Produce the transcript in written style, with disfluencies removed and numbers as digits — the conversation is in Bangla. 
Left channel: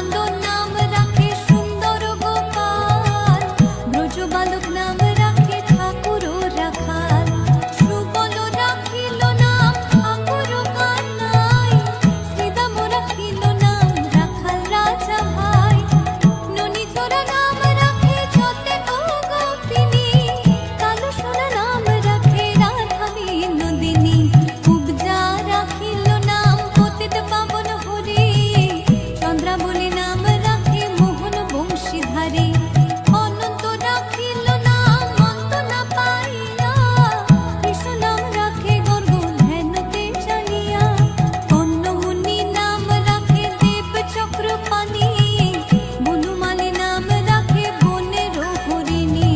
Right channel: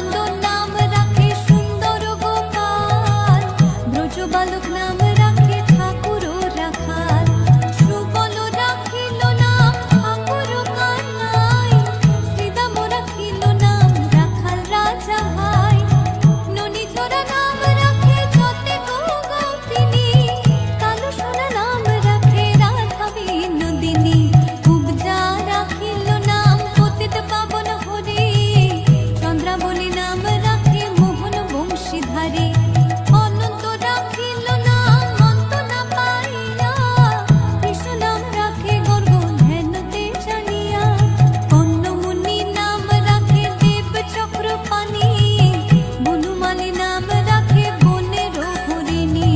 নন্দন নাম রাখে সুন্দর গোপাল, ব্রজ বালক নাম রাখে ঠাকুর রাখাল, সুবল রাখিল নাম ঠাকুর কানাই, শ্রীদাম রাখিল নাম রাখাল রাজা ভাই, ননী চোরা নাম রাখে যতে গোপিনী, কালো সোনা নাম রাখে রাধা বিনোদিনী, কুবজা রাখিল নাম পতিত পাবন হরি, চন্দ্রাবলী নাম